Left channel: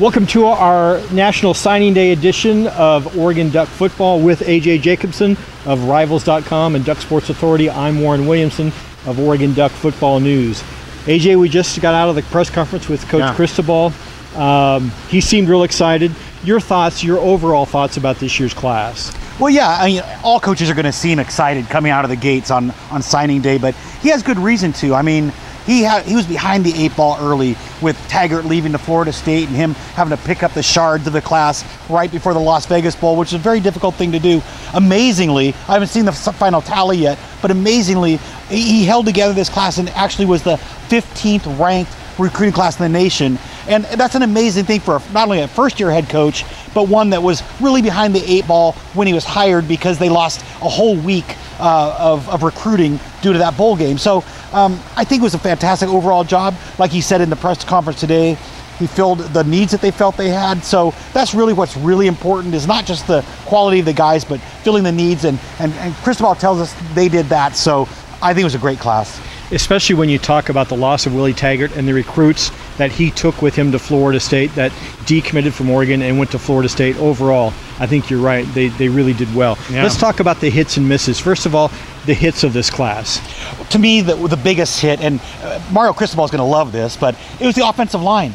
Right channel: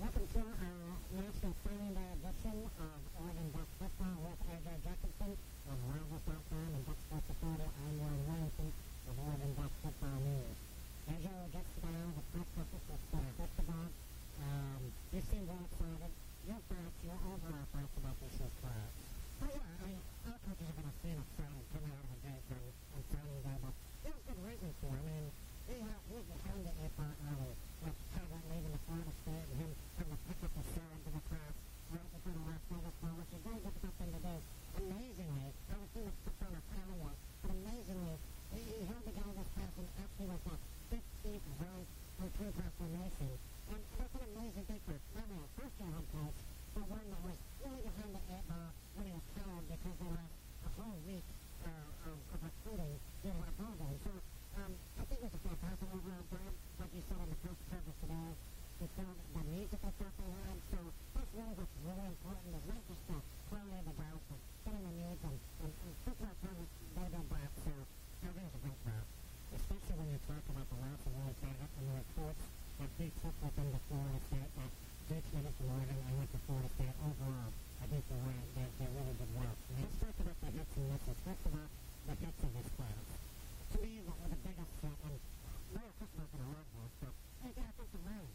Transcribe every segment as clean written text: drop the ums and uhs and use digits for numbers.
Welcome to our National Signing Day edition of Oregon Duck Football with AJ Jacobson of Rivals.com and Duck Sports Authority. I'm Warren Williamson of Oregon Duck Football News. AJ, we just got out of the press conference with Coach Cristobal. He seemed real excited. Your thoughts, your overall thoughts about this year's class? Well, yeah, I mean, all coaches are going to seem excited coming out of the gates on signing day, but he has good reason to. I mean, he was behind the 8 ball early with Taggart leaving to Florida State and him having to pick up the shards of the class right before the Las Vegas Bowl, which is a very difficult thing to do. Amazingly, I haven't seen the final tally yet, but amazingly, he held together this class and actually was the 15th ranked recruiting class in the nation. And that's an amazing thing for not only a first-year head coach, but one that was really behind the 8 ball when he was hired because they lost a whole week of recruiting due to that bowl game. So I think it was a fantastic overall job. Like he said in the press conference today, he filled the needs that they felt they had. So that's really what's really important, is not just the quality of the guys, but filling the needs. And Cristobal tells us they did that. So I think it was a great class. Especially when you talk about the loss of Willie Taggart and the recruits that he took with him to Florida State that decommitted from Oregon and went to Florida State. Overall, I think you're right. They really did well. Yeah. Let's talk about the hits and misses. First of all, the hits of this class. To me, the biggest hit, and Mario Cristobal is going to love this, but it was the offensive line.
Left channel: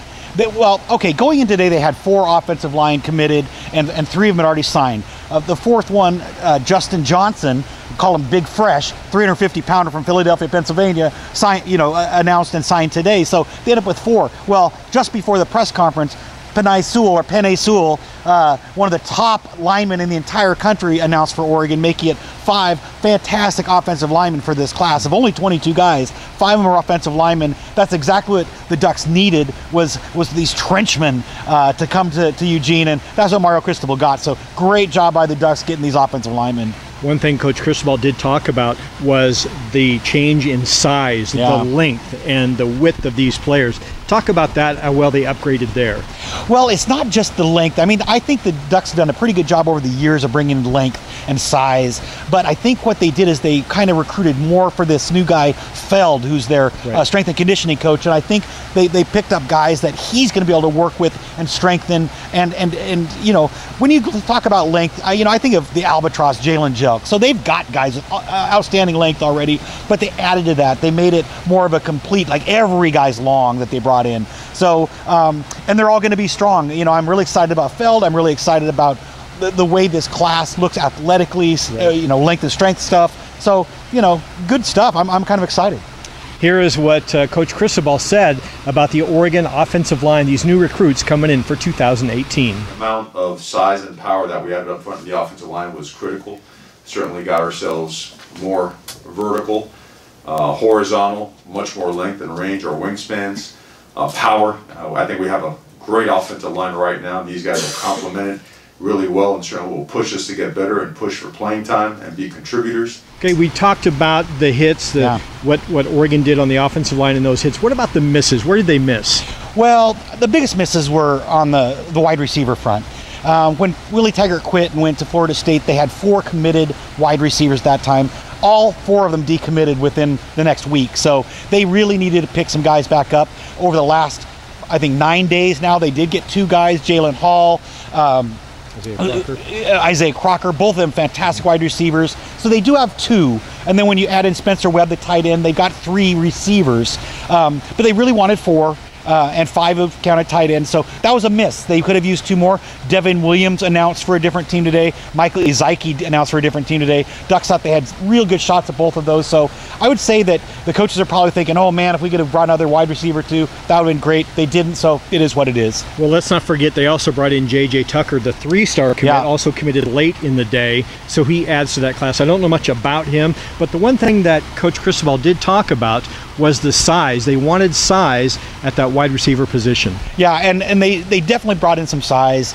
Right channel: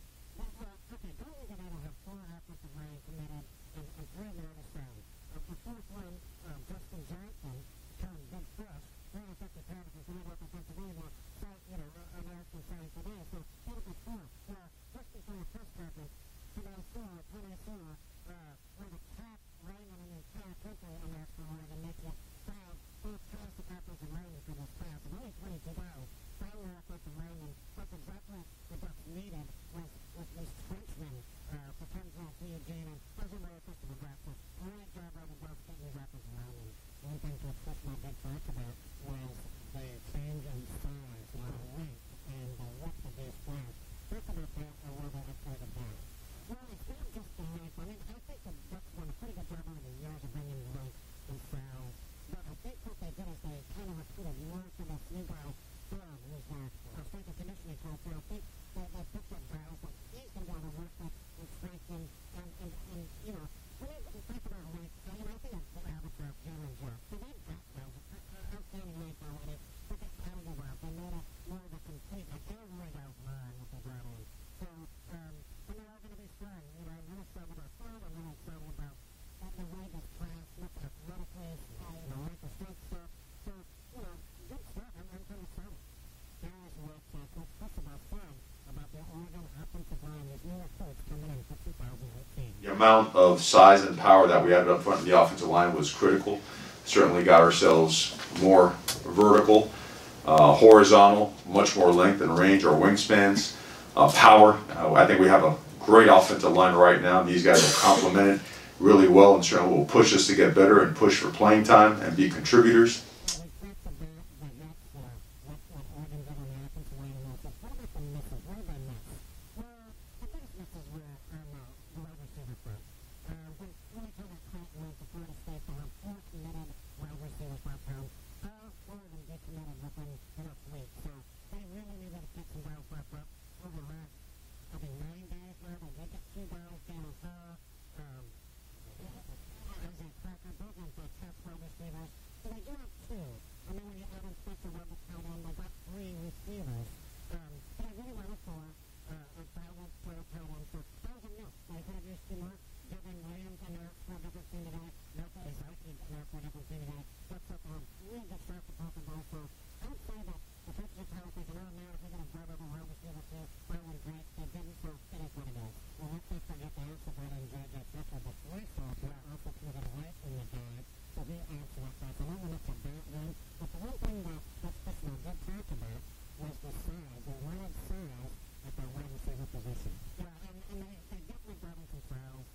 Well, okay, going in today, they had 4 offensive line committed, and 3 of them had already signed. The 4th one, Justin Johnson, call him Big Fresh, 350-pounder from Philadelphia, Pennsylvania, announced and signed today. So they ended up with 4. Well, just before the press conference, Penei Sewell, one of the top linemen in the entire country, announced for Oregon, making it 5 fantastic offensive linemen for this class. Of only 22 guys, 5 of them are offensive linemen. That's exactly what the Ducks needed, was these trenchmen to come to Eugene, and that's what Mario Cristobal got. So great job by the Ducks getting these offensive linemen. One thing Coach Cristobal did talk about was the change in size, the length, and the width of these players. Talk about that, how well they upgraded there. Well, it's not just the length. I mean, I think the Ducks have done a pretty good job over the years of bringing length and size, but I think what they did is they kind of recruited more for this new guy, Feld, who's their strength and conditioning coach, and I think they picked up guys that he's going to be able to work with and strengthen, and you know, when you talk about length, I think of the Albatross, Jalen Jelk. So they've got guys with outstanding length already, but they added to that. They made it more of a complete, like every guy's long that they brought in. So, and they're all going to be strong. You know, I'm really excited about Feld. I'm really excited about the way this class looks athletically, length and strength stuff. So, good stuff. I'm kind of excited. Here is what Coach Cristobal said about the Oregon offensive line, these new recruits coming in for 2018. The amount of size and power that we had up front in the offensive line was critical. Certainly got ourselves more vertical, horizontal, much more length and range, our wingspans, power. I think we have a great offensive line right now. These guys will complement it really well and certainly will push us to get better and push for playing time and be contributors. Okay, we talked about the hits, what Oregon did on the offensive line in those hits. What about the misses? Where did they miss? Well, the biggest misses were on the wide receiver front. When Willie Taggart quit and went to Florida State, they had 4 committed wide receivers that time. All 4 of them decommitted within the next week. So they really needed to pick some guys back up. Over the last, I think, 9 days now, they did get 2 guys, Jalen Hall, Isaiah Crocker, both of them fantastic wide receivers. So they do have 2. And then when you add in Spencer Webb, the tight end, they've got 3 receivers. But they really wanted 4. And 5 have counted tight ends, so that was a miss. They could have used 2 more. Devin Williams announced for a different team today. Michael Izike announced for a different team today. Ducks thought they had real good shots at both of those, so I would say that the coaches are probably thinking, oh man, if we could have brought another wide receiver too, that would have been great. They didn't, so it is what it is. Well, let's not forget they also brought in J.J. Tucker, the 3-star commit, also committed late in the day, so he adds to that class. I don't know much about him, but the one thing that Coach Cristobal did talk about was the size. They wanted size at that wide receiver position. Yeah, and they definitely brought in some size.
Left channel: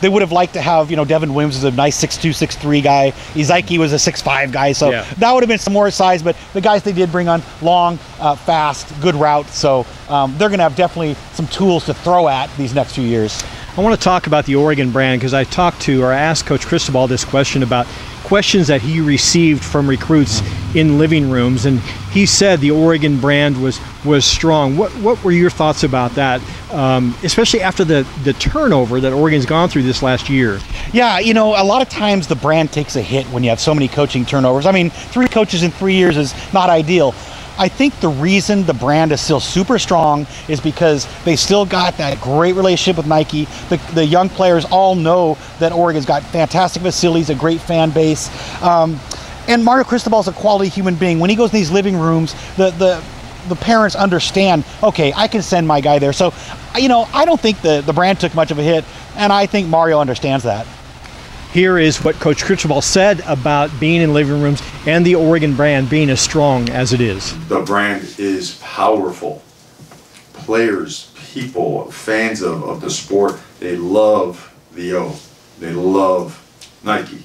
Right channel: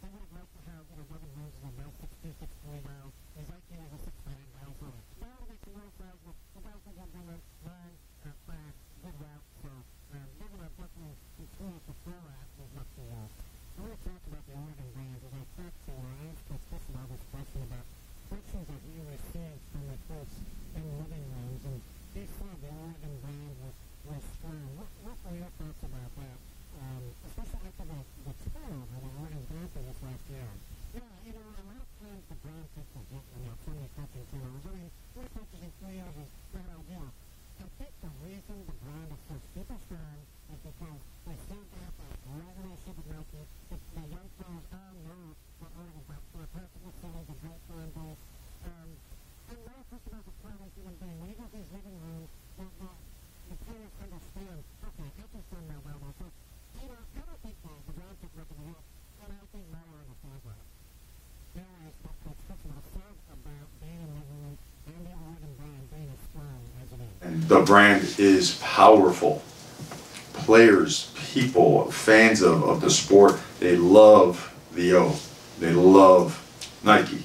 They would have liked to have, Devin Williams is a nice 6'2", 6'3" guy. Izike was a 6'5" guy, so that would have been some more size, but the guys they did bring on, long, fast, good route, so they're going to have definitely some tools to throw at these next few years. I want to talk about the Oregon brand because I asked Coach Cristobal this question about questions that he received from recruits in living rooms, and he said the Oregon brand was strong. What were your thoughts about that especially after the turnover that Oregon's gone through this last year. Yeah, you know, a lot of times the brand takes a hit when you have so many coaching turnovers. I mean, 3 coaches in 3 years is not ideal. I think the reason the brand is still super strong is because they still got that great relationship with Nike. The young players all know that Oregon's got fantastic facilities, a great fan base. And Mario Cristobal is a quality human being. When he goes in these living rooms, the parents understand, okay, I can send my guy there. So, you know, I don't think the brand took much of a hit, and I think Mario understands that. Here is what Coach Cristobal said about being in living rooms and the Oregon brand being as strong as it is. The brand is powerful. Players, people, fans of the sport, they love the O. They love Nike.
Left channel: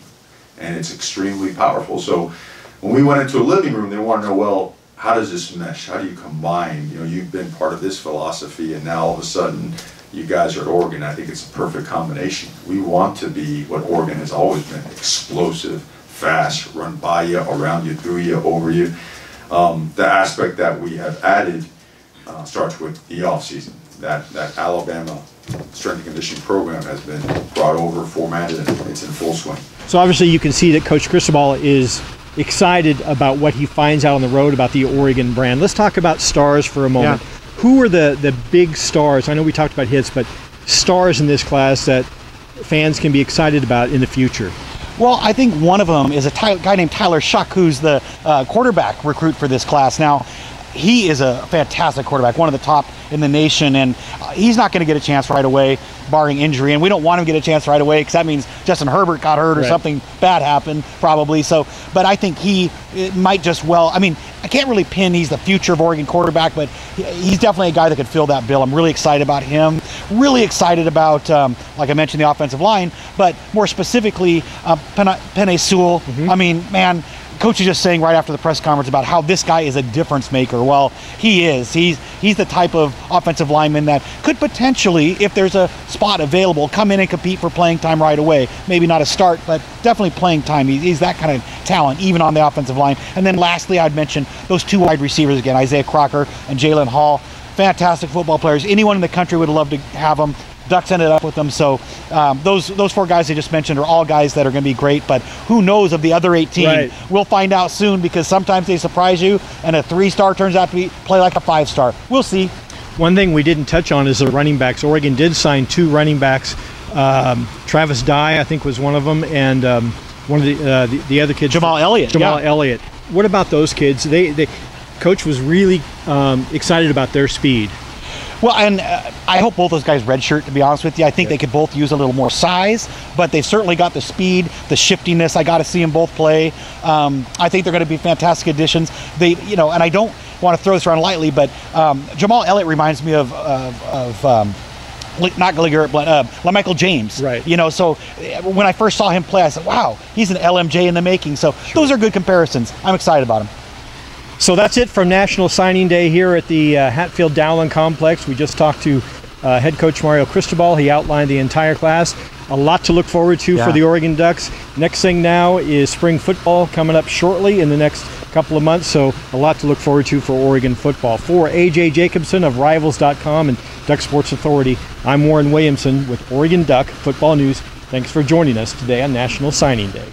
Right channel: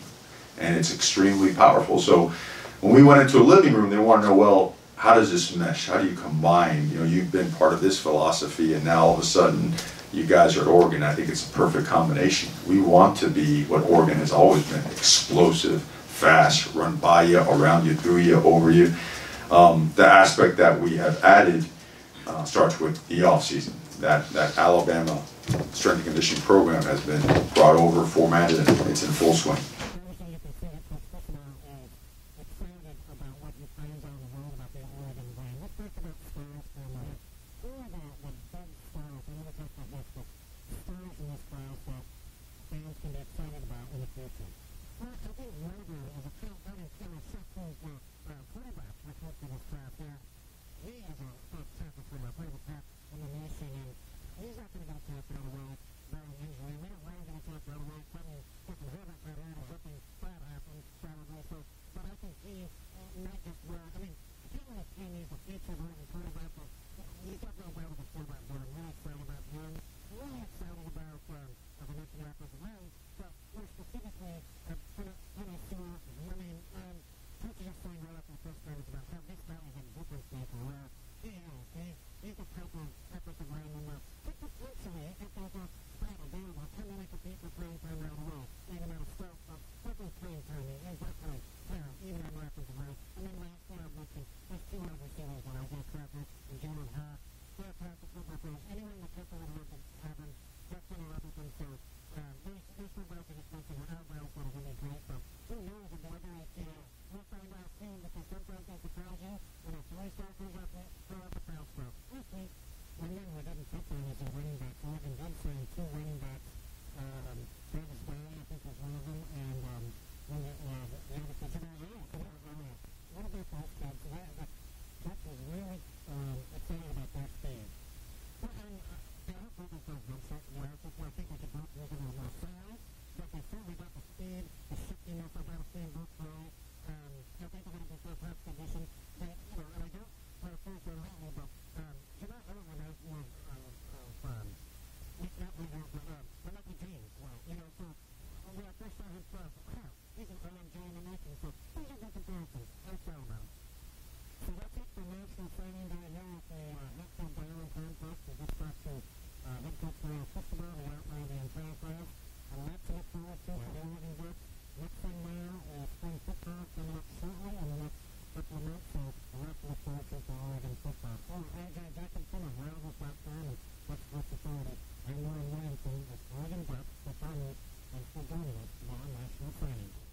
And it's extremely powerful. So when we went into a living room, they want to know, well, how does this mesh? How do you combine? You know, you've been part of this philosophy, and now all of a sudden you guys are at Oregon. I think it's a perfect combination. We want to be what Oregon has always been: explosive, fast, run by you, around you, through you, over you. The aspect that we have added starts with the off season. That Alabama strength and conditioning program has been brought over, formatted, and it's in full swing. So obviously you can see that Coach Cristobal is excited about what he finds out on the road about the Oregon brand. Let's talk about stars for a moment. Yeah. Who are the big stars? I know we talked about hits, but stars in this class that fans can be excited about in the future? Well, I think one of them is a guy named Tyler Shuck, who's the quarterback recruit for this class. Now, he is a fantastic quarterback, one of the top in the nation, and he's not going to get a chance right away, barring injury, and we don't want him to get a chance right away because that means Justin Herbert got hurt or something bad happened, probably. So, but I think it might just I mean, I can't really pin he's the future of Oregon quarterback, but he's definitely a guy that could fill that bill. I'm really excited about him, really excited about, like I mentioned, the offensive line, but more specifically, Penei Sewell. I mean, man, Coach is just saying right after the press conference about how this guy is a difference maker. Well, he is. He's the type of offensive lineman that could potentially, if there's a spot available, come in and compete for playing time right away. Maybe not a start, but definitely playing time. He's that kind of talent, even on the offensive line. And then lastly, I'd mention those 2 wide receivers again, Isaiah Crocker and Jalen Hall. Fantastic football players. Anyone in the country would love to have them. Ducks ended up with them, so those 4 guys I just mentioned are all guys that are going to be great, but who knows of the other 18? Right. We'll find out soon, because sometimes they surprise you, and a 3-star turns out to play like a 5-star. We'll see. One thing we didn't touch on is the running backs. Oregon did sign 2 running backs. Travis Dye, I think, was one of them, and one of the other kids, Jamal Elliott. Elliott. What about those kids? Coach was really excited about their speed. Well, and I hope both those guys redshirt, to be honest with you. I think they could both use a little more size, but they've certainly got the speed, the shiftiness. I got to see them both play. I think they're going to be fantastic additions. And I don't want to throw this around lightly, but Jamal Elliott reminds me of not Gallagher, but LaMichael James. Right. You know, so when I first saw him play, I said, wow, he's an LMJ in the making. So those are good comparisons. I'm excited about him. So that's it from National Signing Day here at the Hatfield Dowling Complex. We just talked to head coach Mario Cristobal. He outlined the entire class. A lot to look forward to for the Oregon Ducks. Next thing now is spring football coming up shortly in the next couple of months, so a lot to look forward to for Oregon football. For AJ Jacobson of Rivals.com and Duck Sports Authority, I'm Warren Williamson with Oregon Duck Football News. Thanks for joining us today on National Signing Day.